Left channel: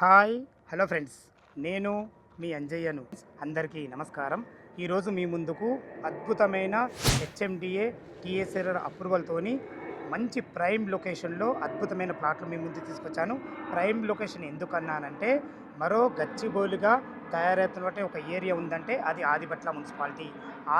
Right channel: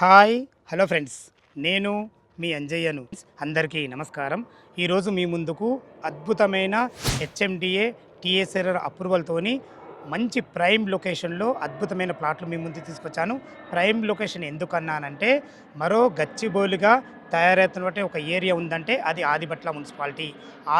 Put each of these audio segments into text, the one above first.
Hi hello friends, నేను మీ అంజయ్యను. అందరికీ నమస్కారం. ఈరోజు మీ ముందుకు అద్భుతమైన హెచ్ఎండిఏ టీఎస్ఆర్ఆర్ అప్రూవల్తోని మంచి ప్రైమ్ లొకేషన్లో అద్భుతమైన ప్లాట్లు మీ ముందు తీసుకొచ్చాను. ప్రైమ్ లొకేషన్ ఎందుకన్నానంటే, మరో గచ్చిబౌలిగా తయారవుతున్నటువంటి ఒక ఏరియా ఉందంటే అది ఆదిబట్ల మున్సిపాలిటీ.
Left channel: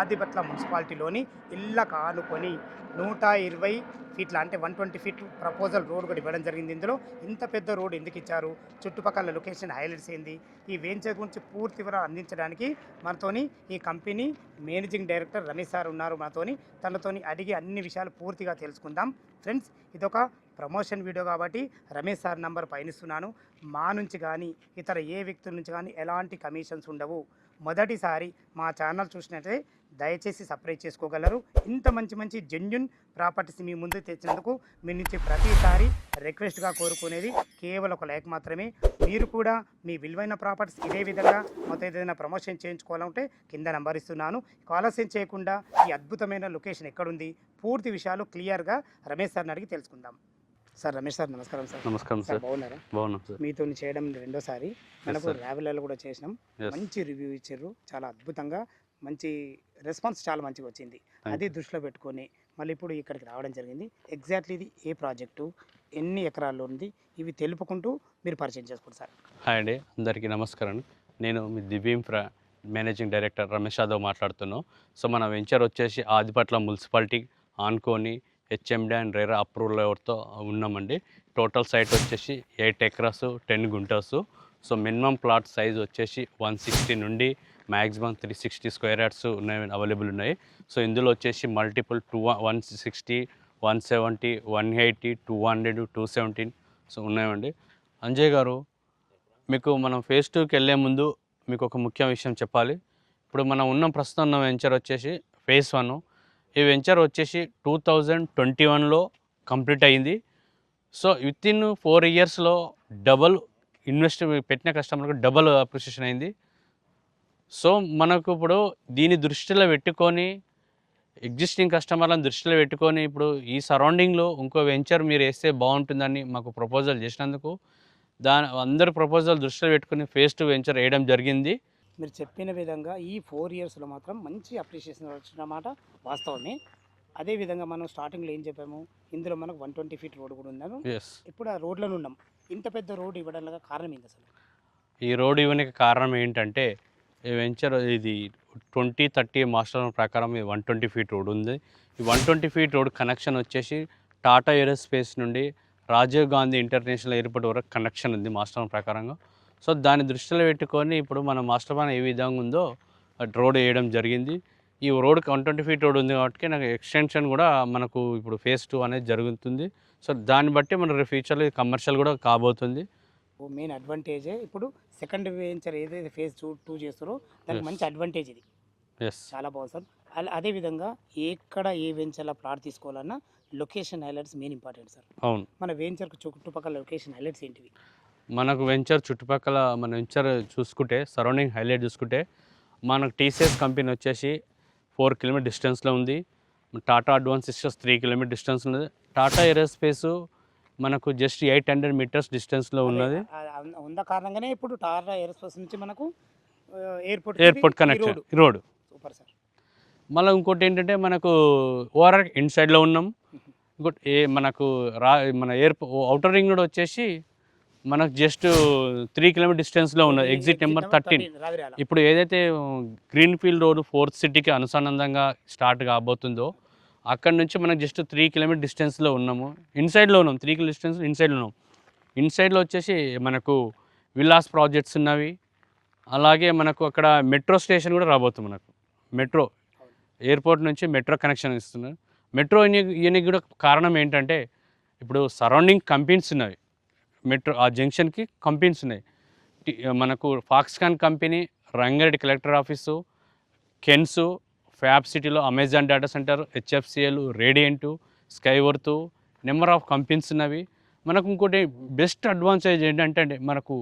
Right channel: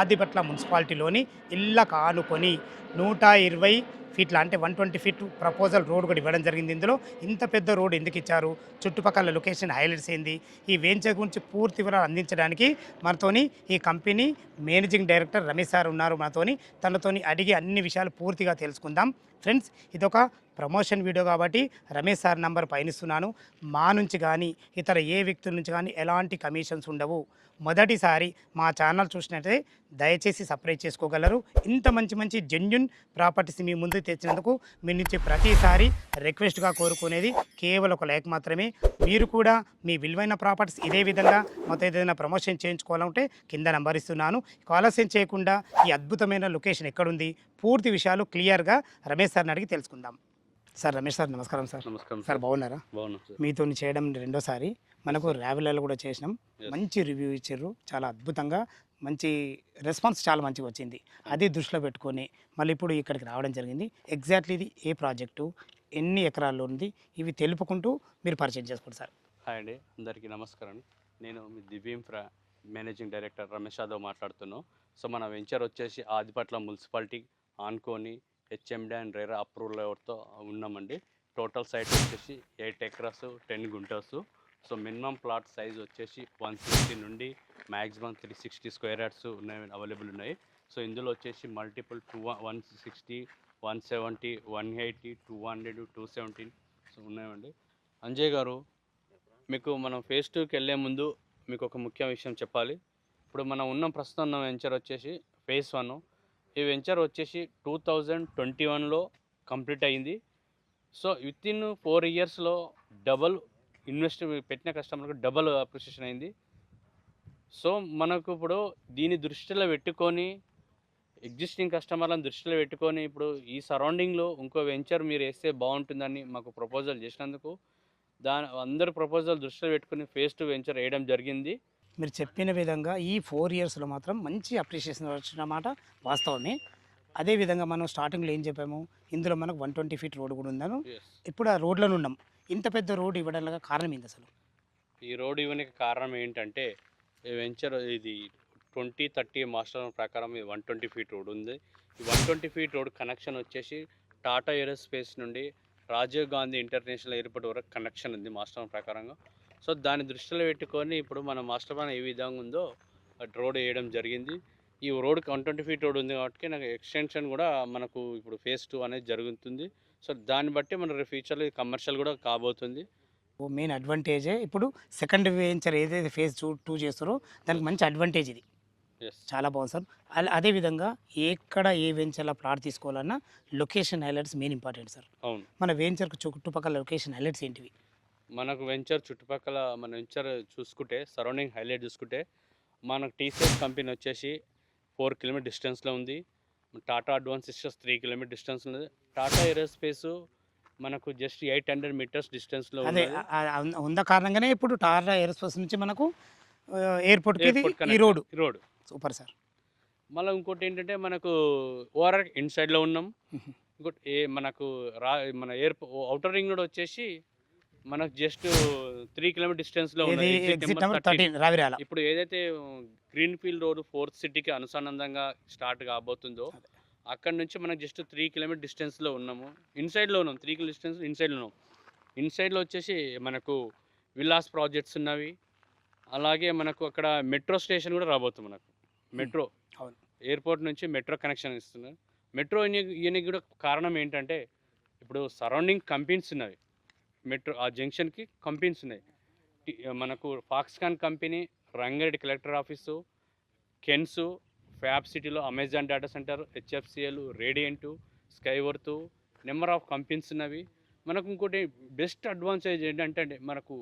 ఆదిబట్ల మున్సిపాలిటీలోని ఇళ్ళకు ఆనుకొని 120 ఫీట్ల అంటే 120 ఫీట్ ప్రపోజల్ రోడ్ కూడా ఇవ్వడం జరిగింది. ఇందులో ఇంత పెద్ద రోడ్ ఎందుకు ఇచ్చారు, చుట్టుపక్కల లొకేషన్ హైలైట్స్ ఏంది, ఈ వెంచర్ గురించి పూర్తి వివరాలు అందించడానికి మనతోని ఈ company managing director Ramesh sir ఉన్నారు. మనతోని తనతోని అడిగి అన్ని విషయాలు పూర్తిగా తెలుసుకుందాం. ఫ్రెండ్స్, ఇదొక ప్రమోషన్ వీడియో కాబట్టి రమేష్ సార్ నంబర్ పయనిస్తున్నాను. మా నుంచి కానీ ఇతర ఏ వ్యక్తుల నుంచి కానీ ఎలాంటి కమిషన్స్ ఉండవు. మొదటిసారి మా ఛానల్ చూసినట్లయితే దయచేసి సబ్స్క్రైబ్ చేసుకోగలరు. ఇంత మంచి మంచి జెన్యున్ ప్రాపర్టీస్ మీ ముందుకు తెచ్చినందుకు మీ నుంచి ప్రతిసారి రిక్వెస్ట్గా కోరుకునేది కేవలం ఒక లైక్ మాత్రమే. మీరు కూడా మీ విలువైన ప్రాపర్టీస్ ఇదే విధంగా మొత్తం ఏదైనా ప్రమోషన్ చేయించుకోవాలంటే కింద నంబర్ ఇస్తున్నాను. ఆలస్యం చేయకుండా ఈ అద్భుతమైన లొకేషన్ ఎక్కడుంది, పూర్తి విషయాలు క్లియర్గా రమేష్ సార్ని అడిగి తెలుసుకుందాం. సార్, రమేష్ సార్ నమస్కారం. సార్ నమస్కారం సార్, బాగున్నారా? బాగున్నాం సార్. మీతో చేయడం రెండోసారి. మనకు ర్యావెలలో కూడా చేసినాం, మంచి రివ్యూ ఇచ్చారు. చాలా అద్భుతంగా మంచి రెస్పాన్స్ చాలా మంచిగా వచ్చింది. అది దృష్టిలో పెట్టుకొని మళ్ళీ ఇప్పుడు ఇక్కడికి రావడం జరిగింది. ఎగ్జాక్ట్లీ ఇది ఏ ప్రాజెక్టు, ఎన్ని ఎకరాల్లో ఉంది, ఇవి తెలుపుకుంటూ మీరు పరిచయం చేసుకోండి సార్. హాయ్ అండి, అందరికీ నమస్కారం. నేను మీ దివ్యంఫ్రా మేనేజింగ్ డైరెక్టర్ రమేష్ యాదవ్ మాట్లాడుతున్నాను. సో మన వెంచర్ వచ్చేసి ఆదిపట్ల మున్సిపాలిటీ ఆనుకొని హెచ్ఎండి అండ్ రేరా అప్రూవల్ ఎవరితో ఉన్నామండి. టోటల్ సైట్ వచ్చేసి 8 ఎకరాస్ 10 గుంటర్స్. సో మినిమం ప్లాట్ సైజ్ వచ్చేసి 160 నుండి మ్యాక్సిమం 360 స్క్వేర్ యార్డ్స్ ఉన్నాయి, అవైలబుల్ ఉన్నాయి. సో ఇందులో వచ్చేసి మల్టిపుల్ 160, 170, 180, 200, 217 సో ఉన్నాయండి. అంజయ్ గారు, మీకు మనం ఫేజ్ 2కి వెళ్ళే ముందు మీకు ఒక ముఖ్య విషయం చెప్పాలి. ఇప్పుడు మనం ప్రస్తుతం ఉన్న వెంచర్ వచ్చేసి ఫేజ్ 1. ఈ వెంచర్ వచ్చేసి 2021లో కంప్లీట్ అయింది. సో వితిన్ 4 ఇయర్స్లో డబల్ ఇన్వెస్ట్ పెట్టిన కస్టమర్కి డబల్ అప్రిషియేషన్ అయింది. సో మనకు ఇప్పుడు దీన్ని దృష్టిలో పెట్టుకొని, ఎగ్జిస్టింగ్ కస్టమర్లను దృష్టిలో పెట్టుకొని ఇప్పుడు ఈ సరౌండింగ్లో ఇంకో వెంచర్ మీరు వేస్తే బాగుంటుందని మాకు ప్రపోజల్ చేసినందుకు అందరి ప్రపోజల్ దృష్టిలో పెట్టుకుని ఫేజ్ 2 వెంచర్ వేయడం జరిగింది. మీరు చెప్పిన విధంగా ఈ 4 ఇయర్స్లో మాత్రం మంచి అప్రిషియేషన్ వచ్చినమాట వాస్తవమే. అదేవిధంగా మనం స్టార్టింగ్లో ఏం చెప్పాము, ఇందులో మనకు 120 ఫీట్ రోడ్ కూడా ఉందాను. ఇప్పుడు ఆ రోడ్లను ఉన్నాం. ఇంత పెద్ద రోడ్ ఇవ్వడానికి కారణం ఏంటి అసలు? ఈ రోడ్ ఇవ్వడానికి కారణం ఏంటంటే, ఈ వెంచర్ ఇది 2030 మాస్టర్ ప్రకారం 120 ఫీట్ రోడ్ ఉంది. ఈ 120 ఫీట్ రోడ్ కనెక్షన్ వచ్చేసి టాటా ఏరోస్పేస్ నుండి రాజీవ్ గాంధీ ఇంటర్నేషనల్ ఎయిర్పోర్ట్ వరకు కనెక్షన్ ఉంది మాస్టర్ ప్రకారంగా. సో దాన్ని దృష్టిలో పెట్టుకొని ఇప్పుడు మన మాస్టర్ ప్లాన్ ఏ విధంగా ఉందో రోడ్ వేయడం జరిగింది. ఈ రోడ్కి 120 ఫీట్ రోడ్ ఉంది కాబట్టి నాకు ఎక్స్టెన్షన్ కూడా మనకు ఇప్పుడు ఫేజ్ 2 అనేది జరుగుతుంది. సో దాన్ని బట్టి మన ఫ్యూచర్లో కమర్షియల్ కూడా కాబోతుంది. మెయిన్ అడ్వాంటేజే ఇప్పుడు సెకండ్ వెంచర్ ఏదైతే ఫేజ్ 2 చేస్తారో దానికి మంచి అడ్వాంటేజ్ ఇది. చాలా బాగుంది సార్. అదేవిధంగా ఎక్కడ ఏ వెంచర్లో ప్లాట్ తీసుకోవాలన్నా location highlights main important sir. అవును, మన వెంచర్కు చుట్టుపక్కల లొకేషన్ హైలైట్స్ ఏంటివి? మనకు వెంచర్ చుట్టుపక్కల మన వెంచర్ చూసుకుంటే, సరౌండింగ్ హైలైట్ చూసుకుంటే, మనకు టీసీఎస్ కంపెనీ వచ్చేసి 4 కిలోమీటర్ డిస్టెన్స్లో ఉంది. Tata advance systems 3 kilometre distance ఉంది. టాటా ఏరోస్పేస్ మనకు జస్ట్ 800 మీటర్స్ డిస్టెన్స్లో ఉన్నది. ఉన్న కారణంగానే ఇప్పుడు టాటా ఏరోస్పేస్ నుంచి మనకు airport connection road super sir. మళ్ళీ ఇంకోటి ఏంటంటే, మనకు ఓఆర్ఆర్ ఇన్సైడ్లో ఉన్నాం. ఇంకోటి మనకు మన అవుటర్ రింగ్ రోడ్ వచ్చేసి మనకు జస్ట్ 3 కిలోమీటర్ డిస్టెన్స్లో ఉన్నది. Exit number 13. ఇప్పుడు ఏదైతే గ్రీన్ ఫీల్డ్ రోడ్ 4th సిటీకి అనుసంధానంగా స్టార్ట్ కాబోతుందో అక్కడ నుంచి మనకు జస్ట్ 3 కిలోమీటర్ డిస్టెన్స్లో ఉన్నాము. ఇన్సైడ్లో ఉన్నాం, 3 కిలోమీటర్ డిస్టెన్స్ ఇన్సైడ్లో ఉన్నాం. ఇన్సైడ్లో వచ్చేసి మనకు విల్లాస్ ప్రాజెక్ట్స్ ఉన్నవి. అలాగే మనకు అక్కడ మెట్రో స్టేషన్ కూడా రాబోతుంది. మనకు మెట్రో ఎయిర్పోర్ట్ నుంచి మెట్రో కనెక్షన్ ఇస్తున్నారు. మెట్రో ఇవన్నీ కూడా కారణం ఏంటంటే, ఇప్పుడు సరౌండింగ్ కంపెనీస్ ఉన్నవి. మెట్రో ఆ జంక్షన్కి కంపెనీస్ ఉన్నాయి. మనకు Foxconn company, Rangareddy collector office, Kaynes, fab సిటీలో Amazon data centre, HFCL, Radiant, Skyworth, number of companies ఉన్నవి. మనకు ఇంకోటి బెస్ట్ అడ్వాంటేజ్ ఏంటంటే, మనకు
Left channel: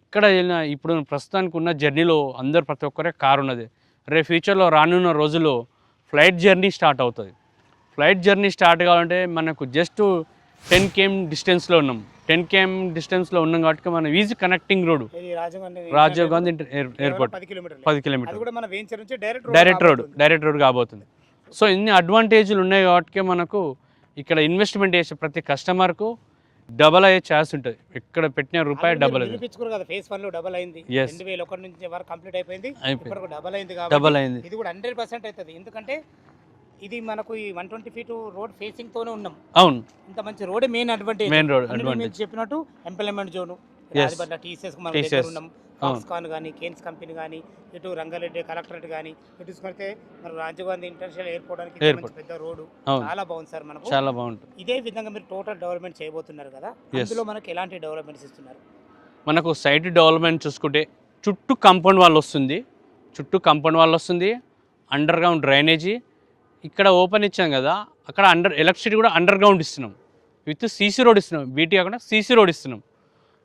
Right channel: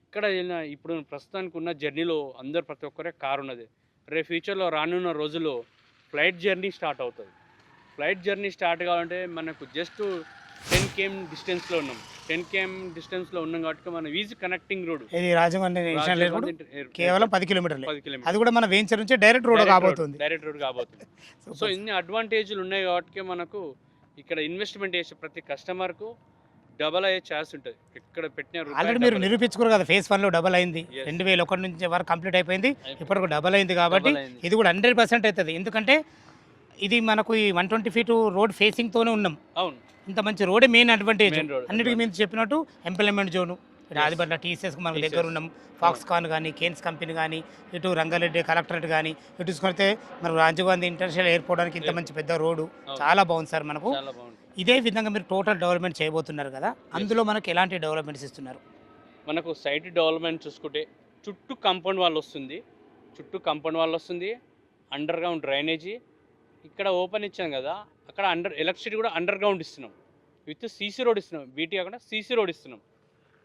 ఇక్కడ వెళ్ళిన ఇప్పుడు ప్రస్తుతానికి ఉన్న జర్నీలో అందరు ప్రతి ఒక్కరే కారు ఉన్నది. రేపు ఫ్యూచర్లో రానున్న రోజుల్లో ఫ్లైట్ జర్నీ స్టార్ట్ అవుతుంది. ఫ్లైట్ జర్నీ స్టార్ట్ కావాలంటే మనకు జస్ట్ 10 km డిస్టెన్స్లో ఉన్నాం. 10 km డిస్టెన్స్లో ఉన్నాం కాబట్టి మనం ఈజీ కనెక్టింగ్ రోడ్ ఇది రాజీవ్ గాంధీ ఎయిర్పోర్ట్ కేవలం 10 కిలోమీటర్లు. 10 కిలోమీటర్ అది కూడా మన వెంచర్ నుంచి డైరెక్ట్ డైరెక్ట్ రోడ్ కాబోతుంది. సో ఇన్ని అడ్వాంటేజ్లు ఉన్నాయి కాబట్టి మనకు ఇక్కడ ఇన్వెస్ట్మెంట్ చేసే ప్రతి కస్టమర్కు డబల్ అయ్యే ఛాన్స్ ఉంటుంది. ఎక్కడ పెట్టిన రూపాయి డబల్ నిరూపించుకోరు కదా. ఫేజ్ 1 లో డబల్ అయింది, 2001 నుంచి వరకు కంప్లీట్ అయిపోయింది, ఇప్పటికి డబల్ అయింది కాబట్టి ఇది కూడా 100% అవుతుంది. ఎందుకంటే ఇది మనకు ఈ 120 ఫీట్ రోడ్ ఫేసింగ్ తోనే ఉన్నాం. అవును, ఇంత మంచి road main advantage. Main road అన్నిటి మీరు చెప్పినట్టు ఎంప్లాయ్మెంట్ జోన్ రాజపట్ల టీసీఎస్ మనం దగ్గర ఉన్నాం. ఫాక్స్కాన్ కానీ కేన్స్ కంపెనీ కానీ ఇటు రంగారెడ్డి కలెక్టరేట్ కానీ ఇటు చూసుకుంటే మనకు రాజీవ్ గాంధీ ఇంటర్నేషనల్ ఎయిర్పోర్ట్ అని ఇంత మంచి పెద్ద రోడ్డు చాలా బాగుంది సార్. మనకు చాలా బాగుంటుంది. ఇదే విధంగా మీరు టోటల్ డెవలప్మెంట్ చేయబోతున్నారు కదా, అందులో మనకి ఎలాంటి డెవలప్మెంట్స్ ఇస్తున్నారు? మనకు సైట్ డెవలప్మెంట్ చూసుకుంటే చుట్టూ కాంపౌండ్ వాల్ వస్తుంది, అండర్ గ్రౌండ్ డ్రైనేజీ. ఇక్కడ ఓపెన్ ఇచ్చాం కదా, అక్కడ ఎలక్ట్రిసిటీ కూడా అండర్ గ్రౌండ్ ఇస్తున్నాం, విత్ సీసీ రోడ్ ఇస్తున్నాం. బీటీ కాకుండా సీసీ రోడ్ ఇస్తున్నాం.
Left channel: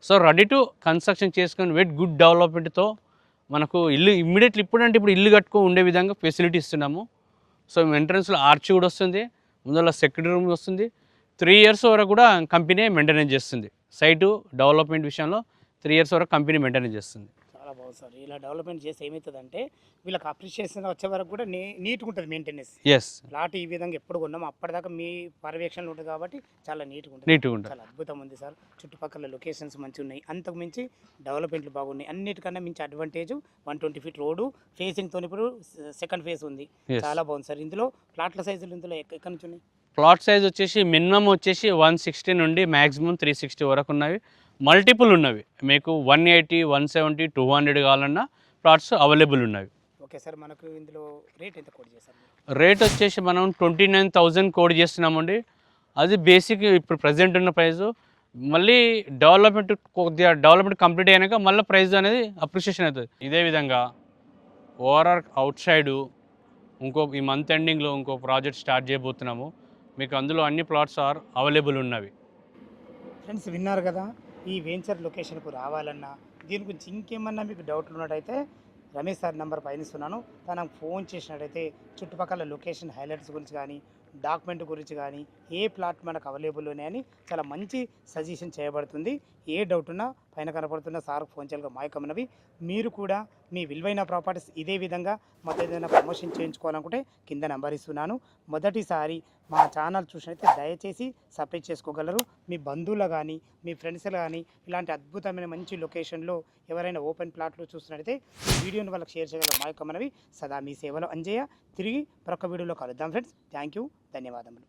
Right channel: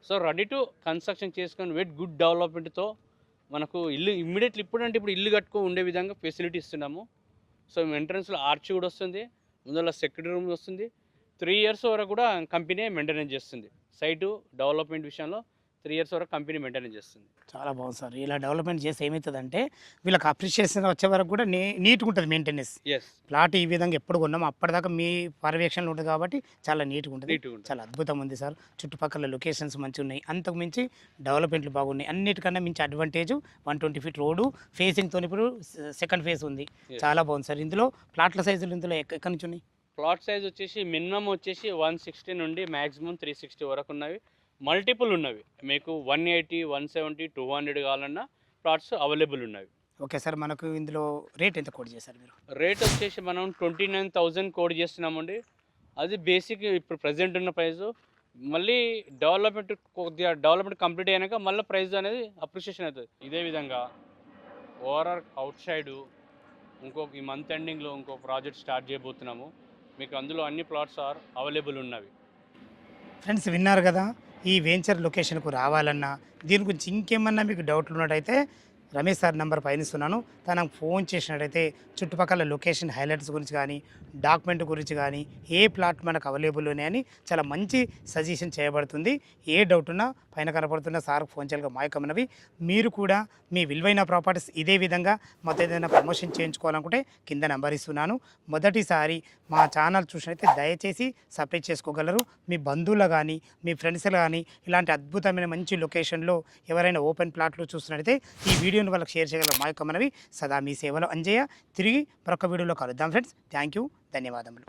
సో రెడీ టు కన్స్ట్రక్షన్ చేసుకొని విత్ గుడ్ డెవలప్మెంట్తో మనకు ఇల్లు ఇమ్మీడియట్లీ ఇప్పుడు ఇల్లు కట్టుకో ఉండే విధంగా ఫెసిలిటీ ఇస్తున్నాము. సో ఎంట్రన్స్లో ఆర్చ్ కూడా వస్తుంది, ముందర సెక్యూరిటీ రూమ్ వస్తుంది. 3 years వరకు కూడా కంపెనీ మెయింటెనెన్స్ చేస్తుంది. సైటు డెవలప్మెంట్ విషయంలో 3 years వరకు కంపెనీ మెయింటెనెన్స్ చేస్తుంది. చాలా బాగుంది సార్. ఇలా డెవలప్మెంట్ చేస్తే ఏమవుతుందంటే వీళ్ళకి అప్రిషియేషన్ వచ్చే వరకు కూడా నీట్గా ఉంటుంది మెయింటెనెన్స్. ప్లాట్ ఈ విధంగా ఎప్పుడు కొన్నాము అప్పటిదాకా మీ పర్యవేక్షణలో ఉంటుంది కాబట్టి చాలా నీట్గా ఉంటుంది. చాలా అద్భుతం ఉంది సార్. చుట్టుపక్కల లొకేషన్స్ మంచిగా ఉన్నాయి, అంతకు మించి డెవలప్మెంట్లు బాగున్నాయి. అన్నిటికన్నా మించి అడ్వాంటేజ్ 120 ఫీట్ రోడ్డు ఫేసింగ్తో ఇప్పుడు సెకండ్ ఫేజ్ ఉంది. చాలా బాగుంది సార్. ఇందులో ప్లాట్ల సైజులు ఇందులో ఎక్కడి నుంచి ఉన్నాయి? ప్లాట్ సైజ్ వచ్చేసి మినిమం వచ్చేసి 160 నుండి మ్యాక్సిమం 360 వరకు ఉన్నవి. మల్టిపుల్ ఉన్నవి, మీకు 180, 170, 200 కావాలన్నా ప్లాట్స్ అవైలబుల్ ఉన్నవి. Okay sir. మనకు ఇందులో రేట్ ఎంత కోడ్ చేశారు మీరు? రేట్ వచ్చేసి మనం 29,000 కోడ్ చేస్తున్నామండి. అది బేసిక్ ఇప్పుడు ప్రజెంట్ ఉన్న ప్రైస్. మళ్ళీ డెవలప్మెంట్ కంప్లీట్ అయినాక మళ్ళీ ప్రైస్ అనేది అప్రిషియేషన్ అవుతుంది. ఇదే విధంగా ఓవరాల్ అవుట్ సైడు ఈ మంత్ ఎండింగ్లో ఇంకో ప్రాజెక్ట్ స్టార్ట్ చేయబోతున్నాము. మీకు అందులో అన్ని ప్లాట్స్ అవైలబుల్ ఉన్నవి. ఫ్రెండ్స్ విన్నారు కదా, ఈ వెంచర్ లొకేషన్కు రావాలన్నా దీని గురించి ఇంకేమన్నా మీకు డౌట్లు ఉన్నట్టయితే రమేష్ సార్ నెంబర్ పైన ఇస్తున్నాను, తనకు ఫోన్ చేసినట్టయితే చుట్టుపక్కల లొకేషన్ హైలైట్స్ గురించి కానీ డాక్యుమెంట్ గురించి కానీ ఏ ప్లాట్ మనకు అవైలబుల్ ఉన్నాయని చాలా మంచి సజెషన్ చేయబడుతుంది. ఏ డౌట్ ఉన్నా పైన కనపడుతున్న సార్కు ఫోన్ చేయాలిగా మాయకమనవి. మీరు కూడా మీ విలువైన ప్రాపర్టీస్ ఇదే విధంగా మాతో ఏదైనా ప్రమోషన్ చేయించుకోవాలనుకుంటే కింద నెంబర్ ఇస్తున్నాను. మొదటిసారి మా ఛానల్ చూసినట్లయితే దయచేసి సబ్స్క్రైబ్ చేసుకోగలరు. మీ బంధువులు కానీ మీ ఫ్రెండ్స్ కానీ ఇలాంటి అద్భుతమైన మంచి లొకేషన్లో ఎవరైనా ఓపెన్ ప్లాట్లు చూస్తున్నట్టయితే ఈ వీడియోని వాళ్ళకి షేర్ చేయగలరు. మాయకమనవి సదా మీ సేవలో అంజయ్య. తిరిగి మరొక వీడియోలో కలుద్దాం ఫ్రెండ్స్. థ్యాంక్ యూ, ధన్యవాదములు.